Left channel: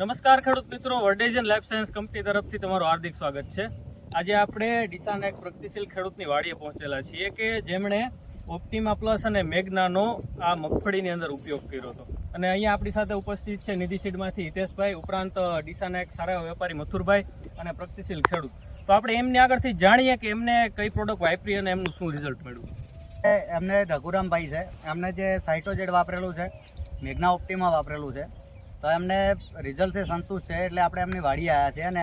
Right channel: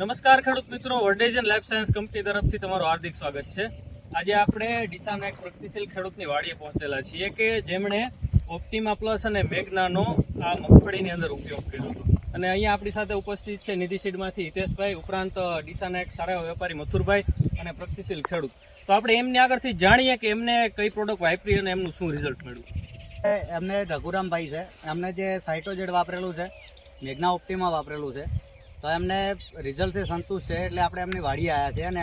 નમસ્કાર ખેડૂત મિત્રો, વર્ડેજન લાઈફ સાયન્સ કંપની તરફથી તમારું હાર્દિક સ્વાગત છે। આજે આપણે ડીસાના એક પ્રગતિશીલ ખેડૂતની વાડીએ પહોંચેલા છીએ કે જેમણે ઓપ્ટિમા પ્લસ અને મેગ્નાનો આ મગફળીની અંદર ઉપયોગ કર્યો હતો। અને અહીંયા આપણી સાથે ઉપસ્થિત છે નિધિ સીડમાંથી હિતેશભાઈ, ઉપરાંત ડીસાના એક સારા વેપારી મથુરભાઈ અને પ્રગતિશીલ ખેડૂત। તો આપણે એમની આગળથી જાણીએ કે એમને કઈ પ્રોડક્ટ વાપરી અને એમનું શું રિઝલ્ટ મળ્યું। એમને રઘુરામભાઈ છે, એમને જે સાઇટોજેડ વાપરેલું છે, મેગ્ના ઓપ્ટિમા વાપરેલું છે, તો એમને રિઝલ્ટથી સંતુષ્ટ છે એટલે આપણે એમની વાડી આવ્યા છે અને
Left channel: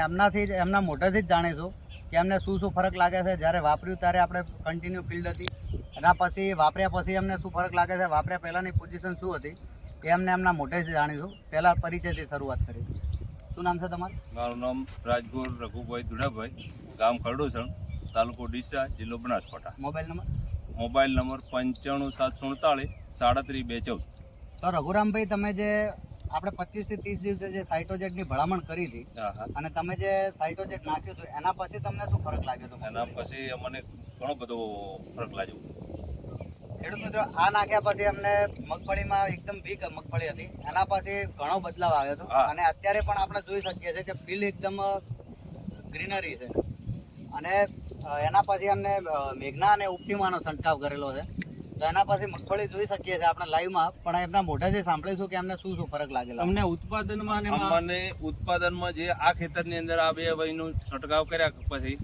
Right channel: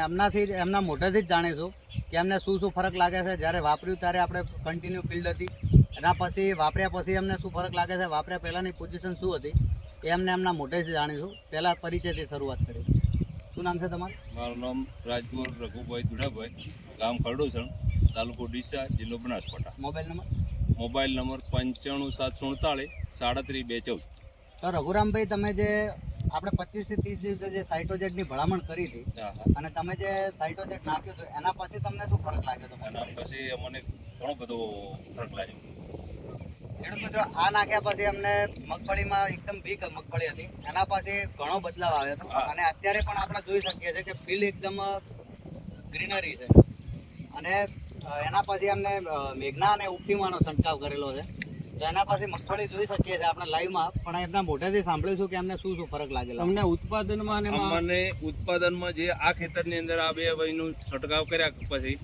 એમના મોઢેથી જ જાણીશું કે એમને શું ફરક લાગે છે। જ્યારે વાપર્યું ત્યારે આપણે કન્ટિન્યુ ફિલ્ડ હતી, એના પછી વાપર્યા પછી એમને શું ફરક લાગે છે, વાપર્યા પહેલાંની પોઝિશન શું હતી એ એમના મોઢેથી જાણીશું। પહેલાં પરિચયથી શરૂઆત કરી। શું નામ છે તમારું? મારું નામ રાજગોર રઘુભાઈ દુડાભાઈ, ગામ ખરડોસણ, તાલુકો ડીસા, જિલ્લો Banaskantha. Mobile number? Mobile number 95 747 37 214। તો રઘુરામભાઈ, તમે જે આપણે 25 થી 30 દિવસે જે સાઇટોજેડની ભલામણ કરી હતી અને તમે જે સાઇટોજેડ નાખ્યું હતું એના પછી તમને શું ફરક લાગ્યો હતો? એના પછી અમને ઘણો બધો ફરક લાગ્યો। ખેડૂત મિત્રો, આ નાખ્યા પછી અમને મગફળીમાં એકદમ વીક મગફળી હતી, એના પછી ઘણો બદલાવ આવ્યો હતો અને અત્યારે પણ આપણે જોઈ શકીએ છીએ કે ફીલ્ડ એકદમ ગ્રીનરી છે। અને એના પછી અમને મેઘના અને ઓપ્ટિમાનો છંટકાવ કરેલો છે, તો એના પછી મગફળી જોઈ શકીએ છીએ આપણે લાઈવમાં, પણ એમના મોઢેથી સાંભળીશું કે એમને શું ફરક લાગેલો અમને ઉત્પાદનમાં અમને ઉત્પાદનમાં જે આ ખેતરની અંદર આ બે વયનું છંટકાવ કર્યા પછી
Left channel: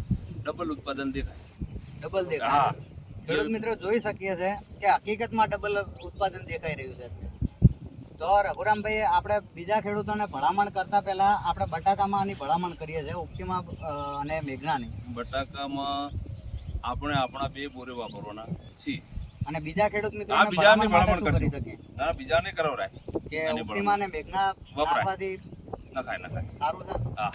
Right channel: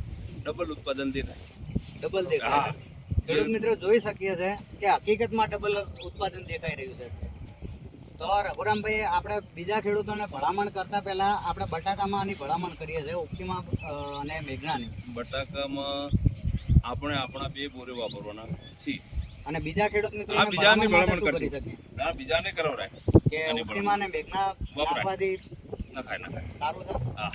ડબલ ઉત્પાદન દેખાય। ડબલ દેખાય? ખેડૂત મિત્રો જોઈ શકીએ છીએ કે હકીકતમાં ડબલ ઉત્પાદન દેખાઈ રહ્યું છે। તો રઘુરામભાઈ, આપણે બીજા ખેડૂતોને ભલામણ કરતા પહેલા આપણે બટાકામાં આની ભલામણ કરીએ છીએ, ઓપ્ટિમા અને મેઘનાની। બટાકામાં આપણે આપણા બે બોરે વાપરવાના છીએ અને બીજા ખેડૂત મિત્રો બીજાને ભલામણ કરી કરશું, શકીએ ના બીજાને કરાવરાય કે ઓપ્ટિમા અને મેઘના નાખવાથી નખાય સારું છે। હા।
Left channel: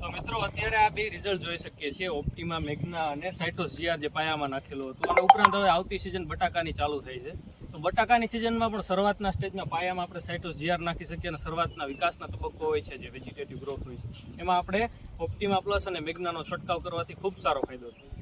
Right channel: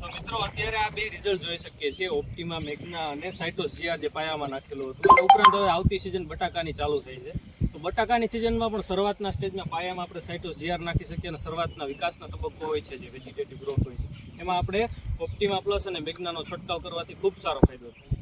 તો મિત્રો, અત્યારે આ બે રિઝલ્ટ જોઈ શકીએ છીએ, ઓપ્ટિમા મેગ્ના અને સાઇટોસ જીઆર જે પાયામાં નાખેલું હતું। અને ઉપરાંત હવે આવતી સિઝન બટાકાની ચાલુ થઈ છે, તો બટાકાની સિઝનમાં પણ શરૂઆતના સ્ટેજમાં પાયામાં આપણે સાઇટોસ જીઆર નાખી શકીએ અને શરૂઆતના વિકાસના તબક્કો હોય છે જે વેજીટેટિવ ગ્રોથ હોય છે, એમાં આપણે ઓપ્ટિમા પ્લસ અને મેગ્નાનો છંટકાવ કરવાથી ખૂબ સારો ફાયદો થાય।